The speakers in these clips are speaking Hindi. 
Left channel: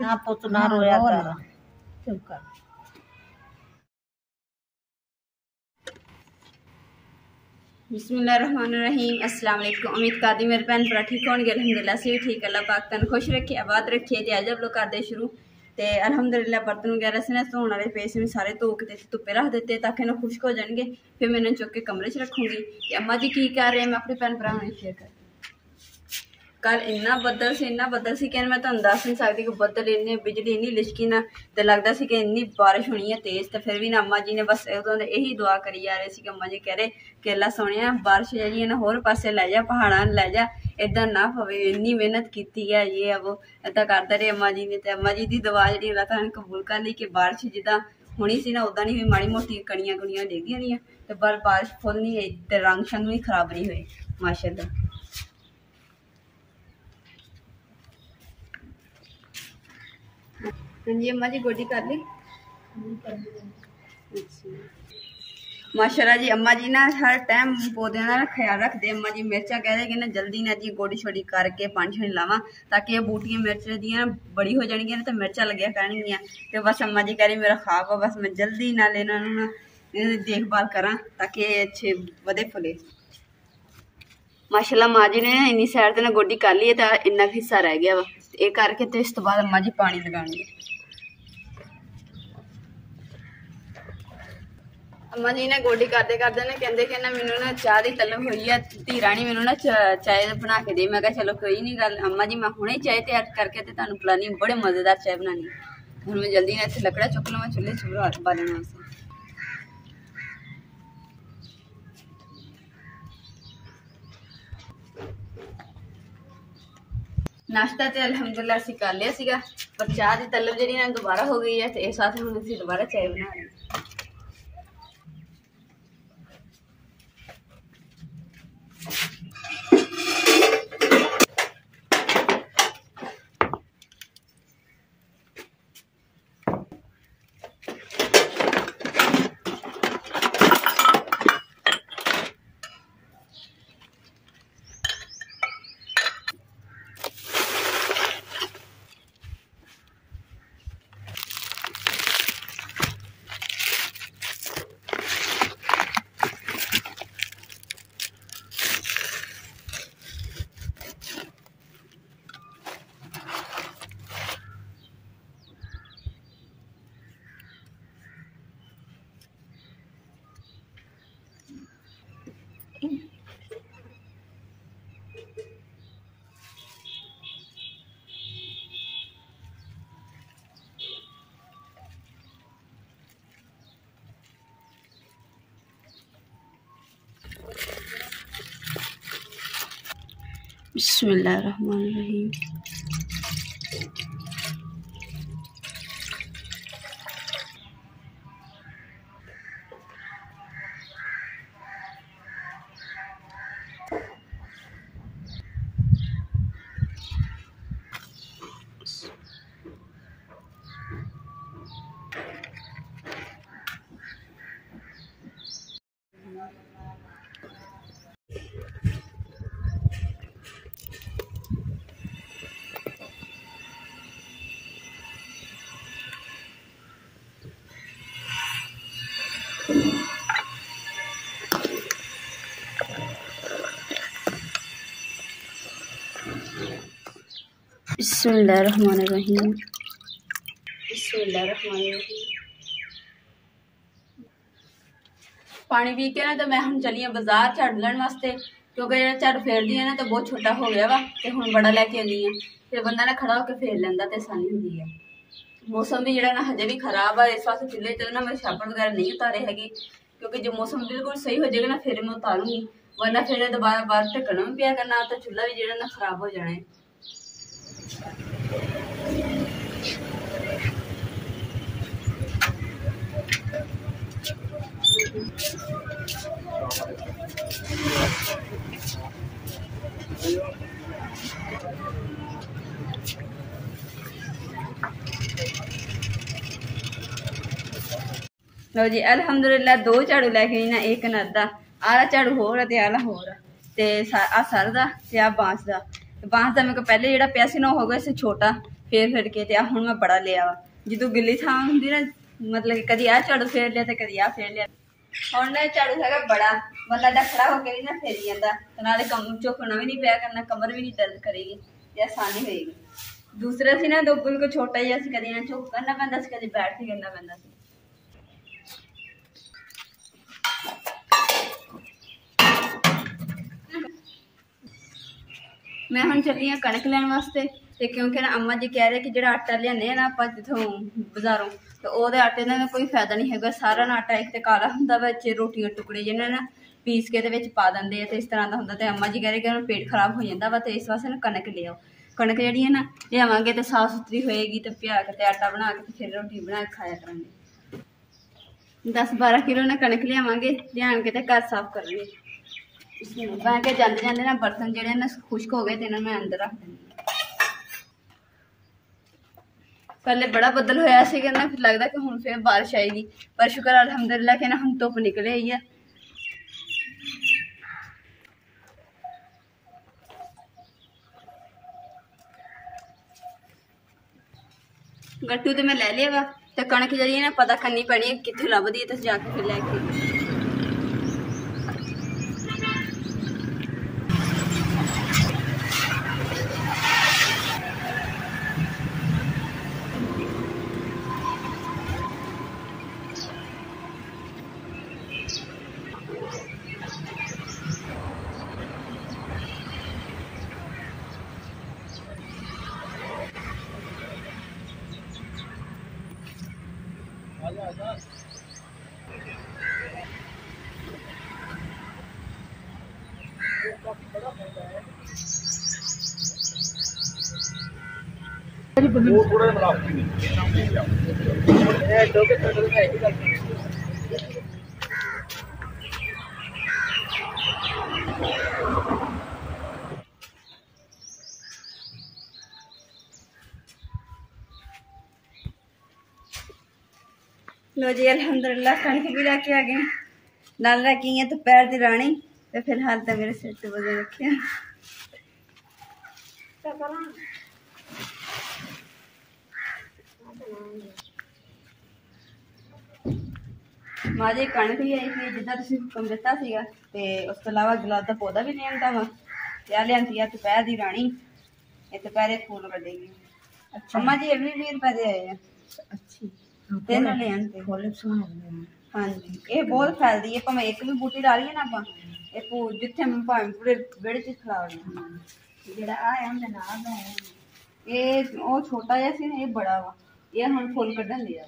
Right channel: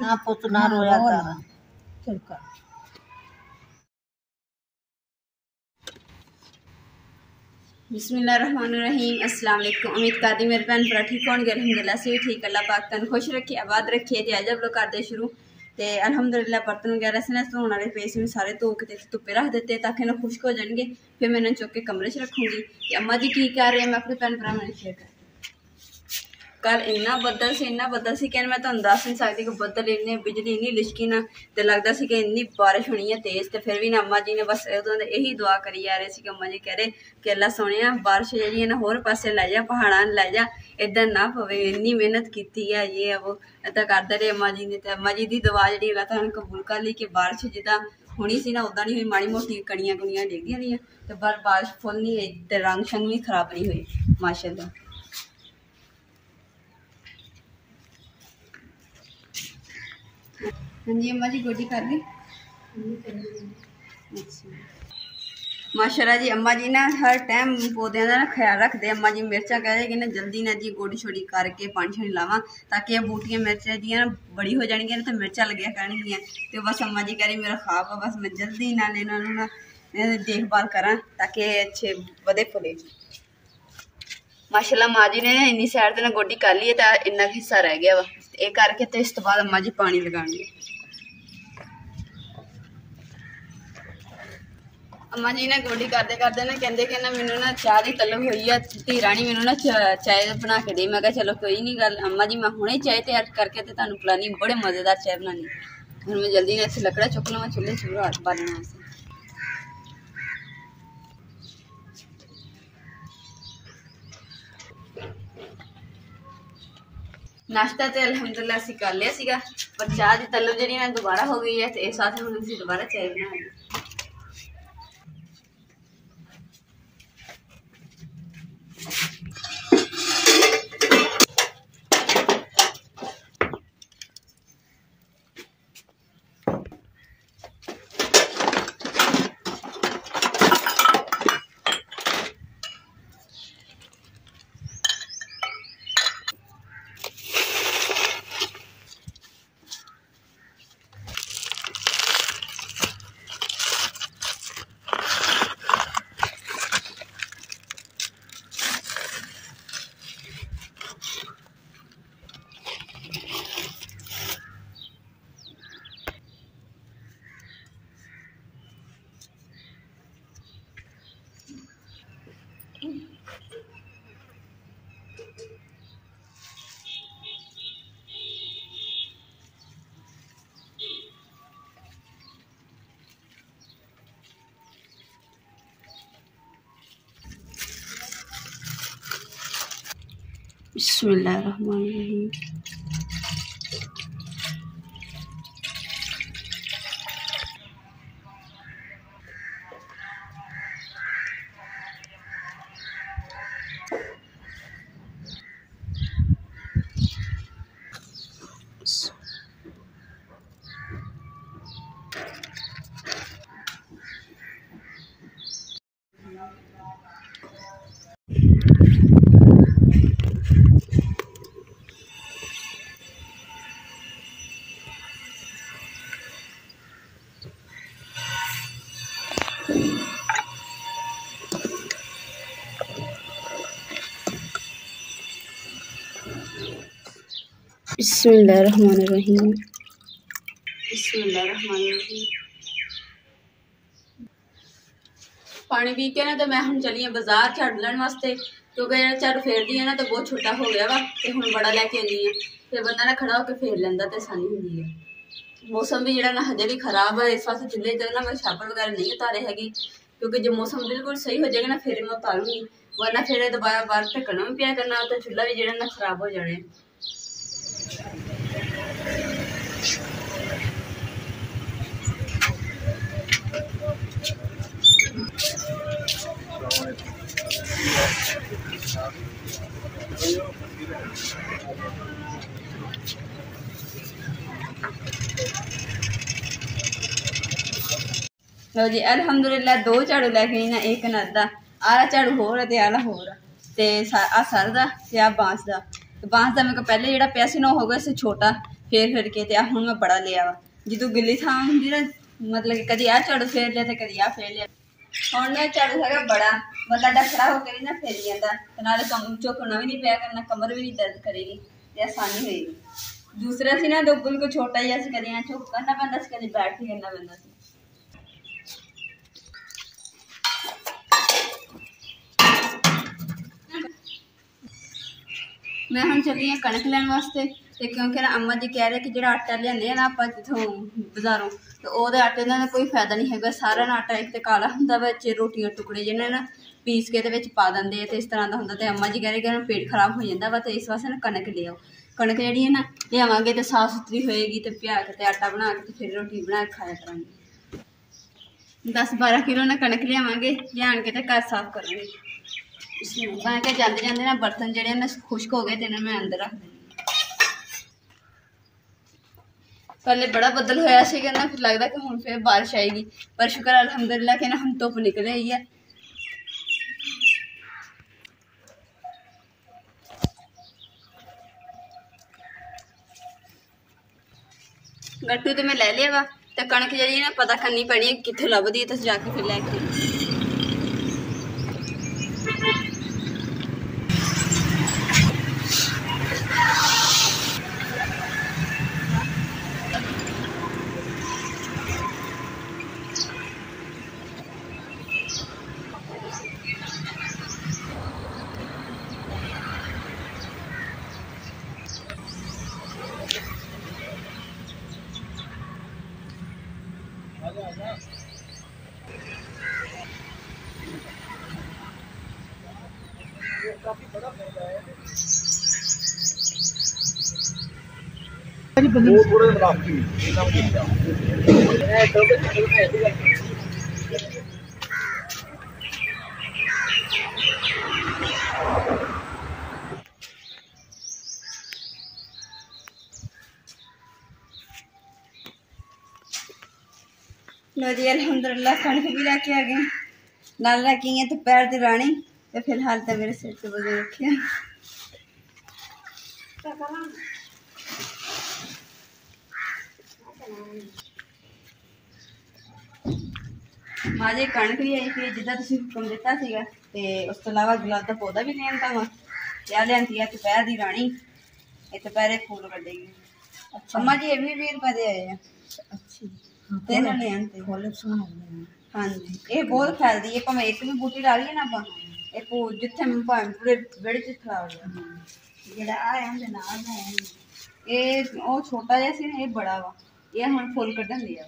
हाँ पुत ना रोया कर, चुप कर। बिस्मिल्लाहिर्रहमानिर्रहीम। अस्सलाम वालेकुम। उम्मीद करदी मेरे भैन भरा ठीक होंगे। अलहमदुलिल्लाह से ठीक। अल्लाह पाक तन खुश रखे, आबाद रखे। ते अज लोग करते शुरू ते अलहमदुलिल्लाह बर्तन वगैरह से ना धोने वाले पे से सारे धो के धुप्पे रख देते ताकि ना खुश्क हो जाएंगे। फिर मैं इन्हें चुक के कमरे च रखूँगी। अम्मा जी की कर रहे हैं मैं अपने भैन भरावां ने शेयर कर। कल इन्ना बदल से कि मैं तुहानूं दस नहीं सकती कि बदल इन्ने बिजली इन्नी लिशकी ना तो लगता सी कि इन्नी बारिश होनी है तेज़। तो फिर भी ना अम्मा जी ने बस उदों यही दुआ करी जा रहे थे कि अम्मा जी कह रहे कि अल्लाह सोने बारिश जी ना होर पासे लै जा, पहाड़ां लै जा, इधर ना पवे। इन्नी मेहनत की है ये वो इदा करते रहे अम्मा जी ने। तो अम्मा जी की दुआ जी अल्लाह ताला ने कबूल कर ली कि बारिश जिदा होनी सी ना उदा नहीं हुई। माड़ी मोटी कणियां कुणियां डिगियां रही तो पर बारिश फुल नहीं हुई तो रंग शंग भी खराब नहीं हुए माशाअल्लाह। हाँ जी अम्मा जी गोडी कर ली। अच्छा माशाल्लाह जी अम्मा जी ना हर टाइम पौधों का ख्याल रखते। अम्मा जी मिर्चा कह रहे कि ना जल्दी ना जी गोडी छोड़ी करके पानी शानी लावा ताकि ये बूटियां मिर्चा दी ना बड़ी हो जाएगी ना तो मिर्चा लगे करनगियां। तो बस अम्मा जी कह रही मेरा ख्वाब है बस मैं जल्दी ना लेना ना देखभाल करा ताकि अच्छे वधे फुले। माशाल्लाह माँ जी ने इन्नी सैर तो ना गोडी कर ली है तो इन्ना हिस्सा रह गया वा ये करके तो इस तो बाद अम्मा जी पानी लगाएंगे। अम्मा जी ने गोडी करते करते ना कहते कि ना मैनू ना चाह की तलब हुई है धी राणी मैनू ना चाय बना के दे। मैं चलो कोई नहीं गल अम्मा जी मैं हुणे चाय तैयार करके तो तुहानूं पिलानी बड़े मज़ेदार चाय बनानी। हुण मैं जल्दी ना इत्थे लकड़ा चुक लवां चुल्हे चूल्हा बालने वास्ते। नाश्ता तो अलहमदुलिल्लाह असीं कर लिया सीगा पर चाह की तलब जी ना दोबारा हो गई है तो इस वास्ते हुण असीं दोबारा चाय बना रहे। बिस्मिल्लाहिर्रहमानिर्रहीम। बिस्मिल्लाहिर्रहमानिर्रहीम। बिस्मिल्लाहिर्रहमानिर्रहीम। पानी पी के ना तो मैं हम चली बाजार झाड़ू लैन वास्ते क्योंकि जो झाड़ू फेरदी है ना तो बहुत छोटा हो गया वा तो हम बड़ा लैके आनी है तो बंदा ना खड़ा होकर फेर लेंदा तो आसानी होंदी है। मौसम भी जो ना हजे भी खराब है इस वास्ते चूल्हे तो ना मैं छापड़ वगैरह नहीं उतारे है क्योंकि जो मौसम बिल्कुल सही हो जाएगा ना फिर मैं उतारूंगी वरना फिर दोबारा बाहर ढकना भी पिया करना तो चूल्हा भी जो ना खराब हो जाना है। लो जी अलहमदुलिल्लाह दो झाड़ू लैके आई ना एक ना अद्धा आला झाड़ू होर है ते आला होर ते आ सर दा ते आ बांस दा तो बांस का मेरे को पहले जो पिया ना हो गया इसे छोटा फेर के तो हूँ मैं बड़ा लिया वा जो गिली थां होंगी ना मतलब कि कभी आ झाड़ू फेर लिया तो कभी आ फेर लिया हम झाड़ू है बड़ा बंदा डखड़ा होकर भी ना फेरी जाता तो नाले कम झुकना भी नहीं पिया करना कमर भी नहीं दर्द करेगी तो आसानी होएगी। दूसरा सी ना दो बिल्कुल छोटा ही असं कभी यहाँ झुक करना पैंदा सी कभी बैठ के करना पैंदा सी। मैं हम चली हाँ कणक लैन वास्ते तो क्योंकि ना अम्मा जी कह रहे कि जो आटा लिया ना आप जितों बाजारों तो वो आटे का कोई फायदा नहीं है सारा ना आटा एक तो काला होंगे बच्च रोटियां टुकड़े जिन्हें ना पीस के पा देंगे तो इस तरह का होंगे तो अम्मा जी कह रहे कि पेट खराब हो जाता वा तो इस वास्ते ना कणक ले आओ कणक जी है ना लियावे तो साफ सुथरी होएगी तो प्या के आटा बना के फिर रोटी बना के खाया करेंगे। 10-12 किलो ना कणक लियावे लिया के घर साफ करेंगे मैं क्या जाते जाते ना बर्तन जोड़े ना खुश्क हो गए तो इन्हें मैं अंदर रख देंगी। पहले बड़ा बदल होया ना फिर लगता कि हुण फिर बारिश आएगी पर शुक्र अल्हम्दुलिल्लाह कि ना हम धुप निकले ही है। गट्टू तो मैं ले लिया वा तो कणक जी ना पता करनी पैनी कितने लभदी है तो जाके फिर लैके लो जी अल्हम्दुलिल्लाह कणक भी लैके आ गए नाल लैके आई दोपहर की रानी तो फिलहाल तो मेरे सिर से बजे रखे माजे कणक भी आई थी जिदा तुम हुक्म दिता सीगा ते उस तो अलावा गुलाब का पौधा भी लिया वा क्या लियांती है दोपहर की रानी ये दोपहरे फूल कटेगी। अच्छा अम्मा जी ये भी 20 रुपए दे आए हैं। अच्छी तीन लियांते हाँ जी ये बहुत फैलती है भावें एक भी बूटी डाली है ना आप जिथे भावें पूरे बेड़े च खड़ा ये छोटा जहा सी ये बड़ा वा ये हम फुल कढ़न दिया।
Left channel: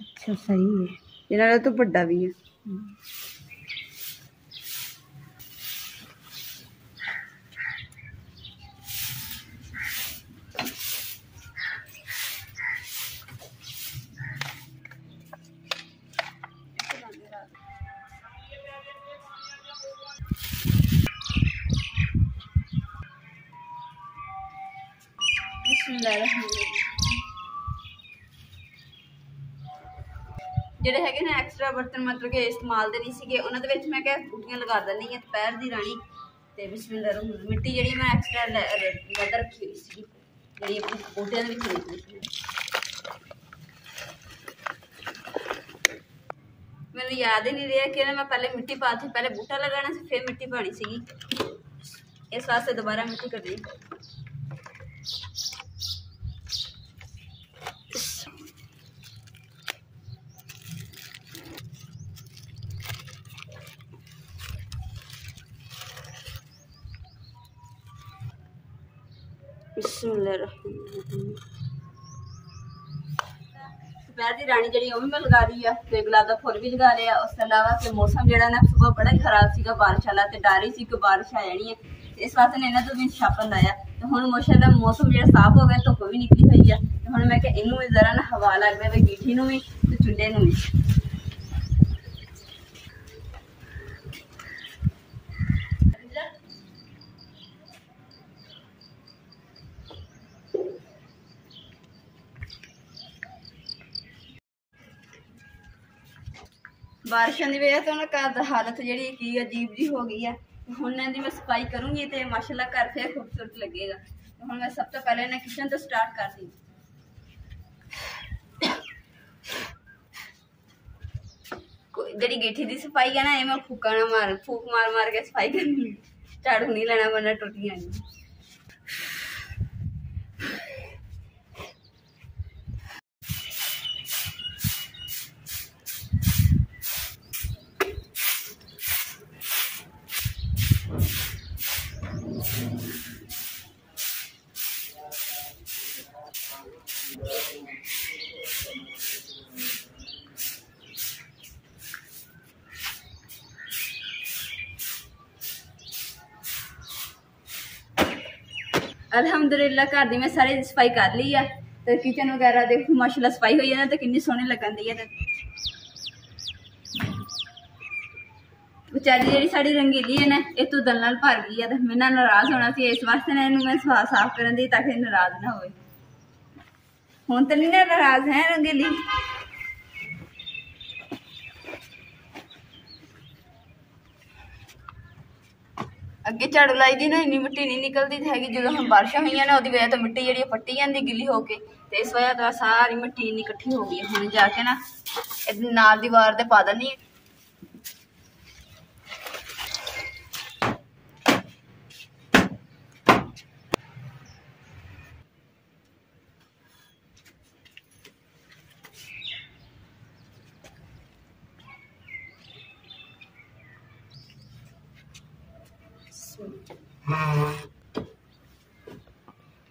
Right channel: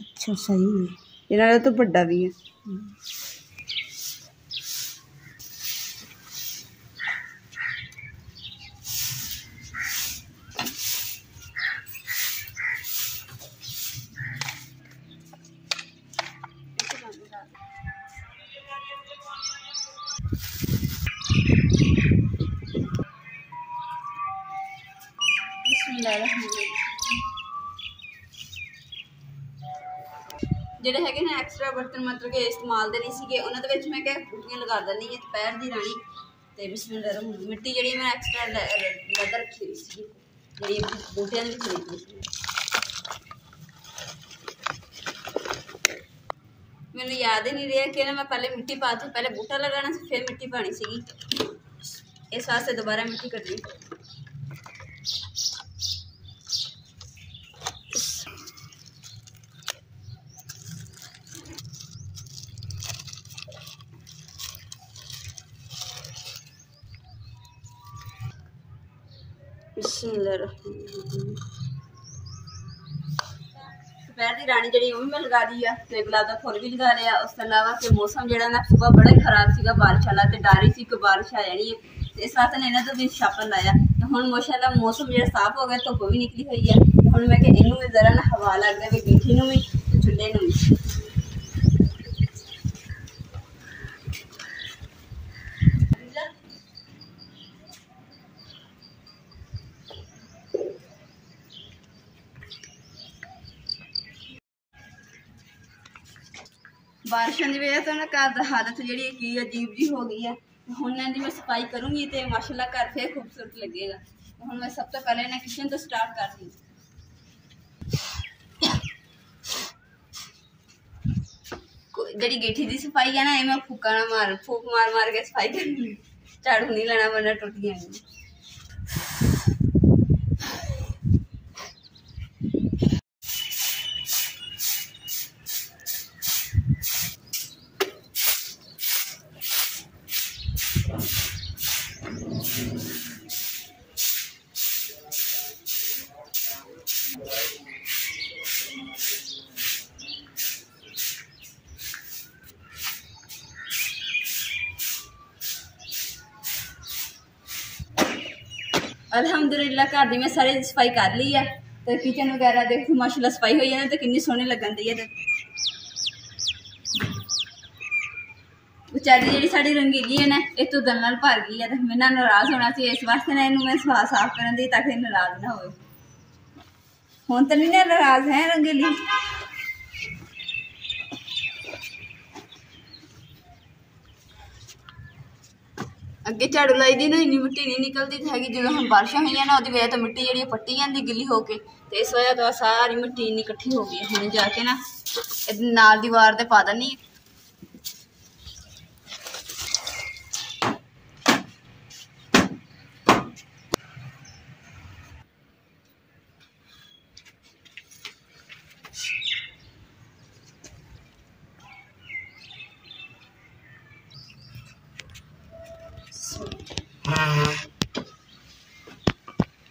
अच्छा सही है इन्होंने तो बड़ा भी है। ਜਿਹੜੇ ਹੈਗੇ ਨੇ ਐਕਸਟਰਾ ਬਰਤਨ मतलब कि इस्तेमाल ਦੇ नहीं ਸੀਗੇ ਉਹਨਾਂ ਦੇ ਵਿੱਚ ਮੈਂ ਕਿਹਾ ਬੂਟੀਆਂ ਲਗਾ ਦਿੰਦੀ ਹਾਂ ਦੁਪਹਿਰ ਦੀ ਰਾਣੀ ਤੇ ਬਿਸਮਿਲ੍ਲਾ ਰਹਿਮਾਨ ਮਿੱਟੀ ਜਿਹੜੀ ਮੈਂ ਐਕਸਟਰਾ ਲੱਦ ਰੱਖੀ ਹੋਈ ਸੀ ਜਿਹੜੀ ਬੂਟਿਆਂ ਦੇ ਵਿੱਚ ਰੱਖੀ ਸੀ। ਮੈਨੂੰ याद ही नहीं रहा कि मैं पहले मिट्टी पाती पहले बूटा लगाना सी फिर मिट्टी पानी सी इस वास्ते दोबारा मिट्टी करनी। दोपहर की रानी जी मैं लगा दी है तो गुलाब का फुल भी लगा लिया। उस अलावा कि मौसम जो ना सुबह बड़ा ही खराब सीगा बारिश वाला तो डर ही सी कि बारिश आ जानी है इस वास्ते ने इन्होंने तो भी छापन लाया तो हुण माशाअल्लाह मौसम जो साफ हो गया धुप भी निकली हुई है तो हुण मैं इनू भी जरा ना हवा लग रहा है गिठी भी तो चुल्हे भी। बारिशों की वजह तो ना घर की हालत जी अजीब जी हो गई है ਹੁਣ ਇਹਨਾਂ ਦੀ ਮੈਂ ਸਫਾਈ ਕਰੂੰਗੀ ਤੇ ਮਾਸ਼ਾਅੱਲਾ ਘਰ ਫੇਰ ਖੂਬਸੂਰਤ ਲੱਗੇਗਾ। ਹੁਣ ਮੈਂ ਸਭ ਤੋਂ ਪਹਿਲੇ ਇਹਨਾਂ ਕਿਚਨ ਤੋਂ ਸਟਾਰਟ ਕਰਦੀ ਹਾਂ। ਜਿਹੜੀ ਗੇਠੀ ਦੀ ਸਫਾਈ ਹੈ ਨਾ ਇਹ ਮੈਂ ਫੂਕ मार के सफाई करनी, झाड़ू नहीं लेना वरना टुट जाएंगी। अल्हम्दुलिल्लाह घर दी मैं सारी सफाई कर ली है। तो किचन वगैरह देखो माशाल्लाह सफाई हुई है ना, तो कितनी सोहनी लगन दी है। बेचारी जी साड़ी रंगीली है ना ये तो दल नाल भर गई है, तो मैं नाराज होना सी, इस वास्ते ना इनू मैं साफ करन दी ताकि नाराज ना होए। हुण तो नहीं ना नाराज है रंगीली। अगे झाड़ू लाई दी ना इन्नी मिट्टी नहीं निकलती हैगी, जो हम बारिशां हुई ना उसकी वजह तो मिट्टी जी पट्टी जाती गिली होके, तो इस वजह तो सारी मिट्टी इन्नी इकट्ठी हो गई। हम जाके ना नाल दीवार ते पा देनी।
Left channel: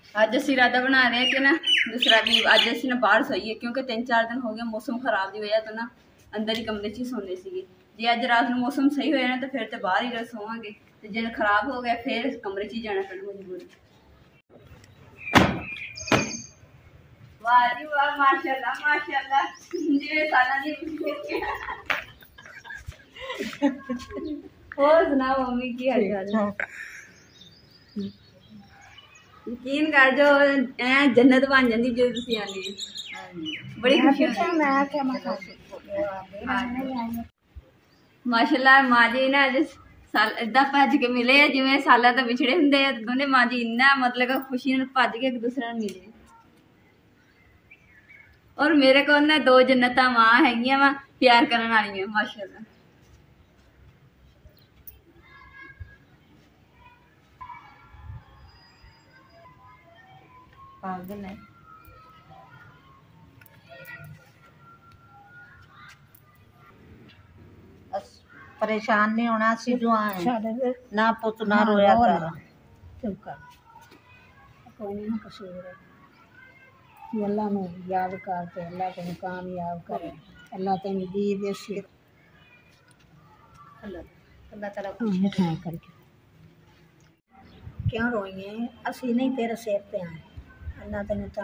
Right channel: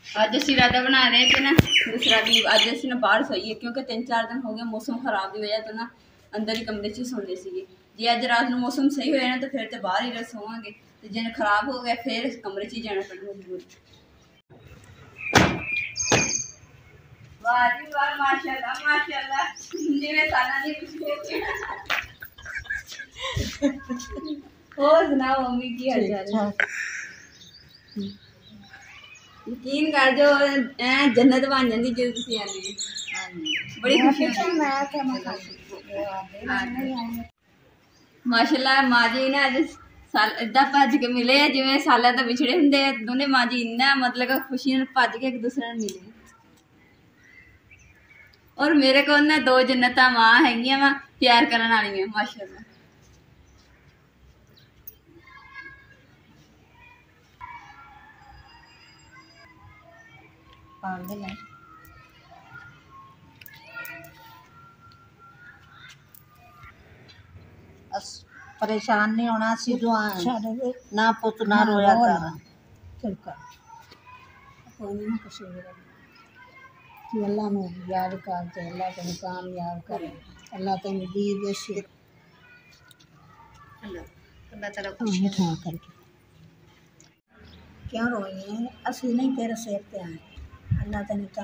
अज असी इरादा बना रहे कि ना दूसरा भी अज असी ना बाहर सोईए, क्योंकि 3-4 दिन हो गए मौसम खराब की वजह तो ना अंदर ही कमरे ही सोने से। जे अज रात को मौसम सही होया ना तो फिर तो बाहर ही सोवांगे, तो जे खराब हो गया फिर कमरे ही जाना पैना मजबूरी। वाह जी वाह माशाल्लाह माशाल्लाह, जिवें सालां दी और सुनाओ मम्मी की हाल चाल? यकीन कर जो जन्नत बन जाती जो तुम आनी है, बड़ी खुशी माशाल्लाह। माँ जी ना अज इदा भज के मिले है जिवें साल तो विछड़े होंगे, दोनों माँ जी इन्ना मतलब खुशी भज के एक दूसरे मिले। और मेरे को ना 2 जन्नत माँ हैगियां वा प्यार करने वाली माशाल्लाह। पागल है परेशान नहीं होना सी जो ना पुत ना रोया कर। चुप कर, कोई नहीं कसूर है। तू अल्लाह नू याद कर ते अल्लाह तेन कामयाब करे, अल्लाह तेन दी देसी अल्लाह ताला खुश करके। क्यों रोई है? असी नहीं तेरे सिर पे आए,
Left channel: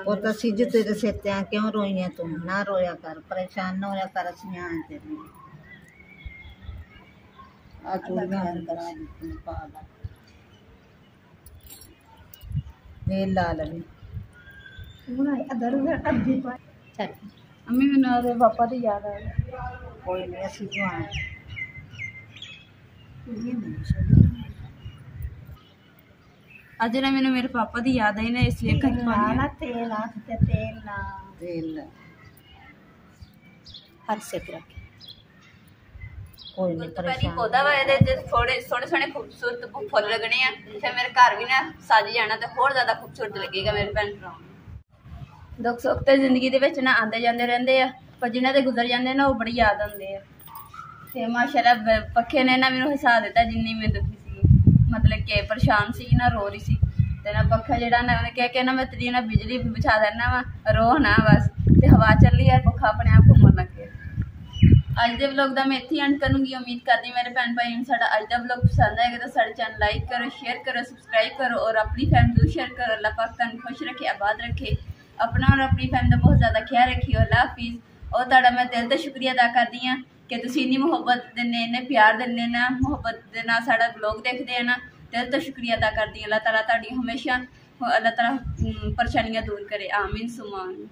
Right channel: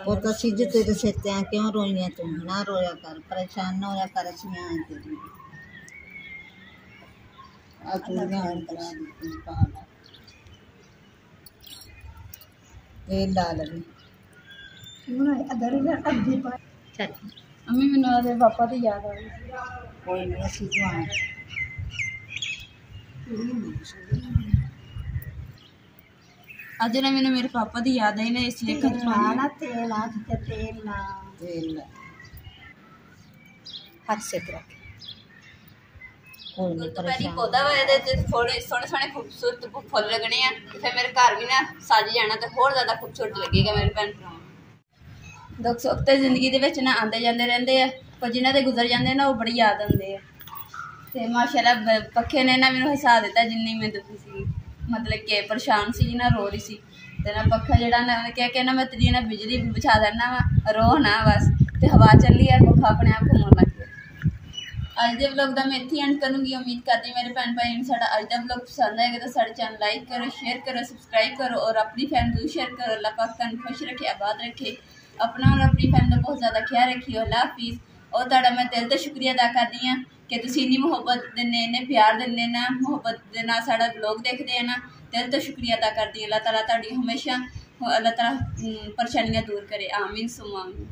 वो तो सिज तेरे सिर ते क्यों रोई है? तुम ना रोया कर, परेशान ना होया कर। असी आए तेरे ला लगी अम्मी मैंने पापा तो याद आ गई। कोई नहीं असी जो आए अज ना मैंने मेरे पापा की याद आई ना, इसलिए तेल हर से रख। कोई नहीं दोपहरी पौधा वा थोड़े सोहने सोहने खूबसूरत फुल लगने हैं, फिर मेरे घर भी ना सज जाना तो होर ज़्यादा खूबसूरत लगेगा मेरे भैन भरा। दुख सुख तो जिंदगी के ना आते जाते रहते हैं, पर जिन्हों के गुजर जाते ना वो बड़ी याद आते हैं। तो माशाल्लाह पखे ने ना मैंने हसा दिता जिन्नी मैं दुखी सी, मतलब कि परेशान सी ना रो रही सी। तो ना पखा जरा ना उन्हें कह के ना मैं तेरी ना बिजली बिछा देना वा, रो ना बस, तो हवा चली है पखा अपने आप घूमन लग गया। अज के व्लॉग का मैं इत्थे एंड करूँगी। उम्मीद करती मेरे भैन भाई साडा अज का व्लॉग पसंद आएगा तो साडे चैनल लाइक करो, शेयर करो, सब्सक्राइब करो और अपनी फैमिली जरूर शेयर करो। अल्लाह पाक तुहानू खुश रखे, आबाद रखे, अपना और अपनी फैमिली का बहुत ज़्यादा ख्याल रखियो। अल्लाह हाफिज़। और तुहाडा मैं दिल तो शुक्रिया अदा करती हाँ कि तुसीं इन्नी मुहब्बत दिंदे, इन्ने प्यार दिंदे ना, मुहब्बत दे नाल साडा व्लॉग देखते हैं ना, दिल तो शुक्रिया अदा करती। अल्लाह ताला तुहाडी हमेशा अल्लाह ताला परेशानियां दूर करे, आमीन सुमा आमीन।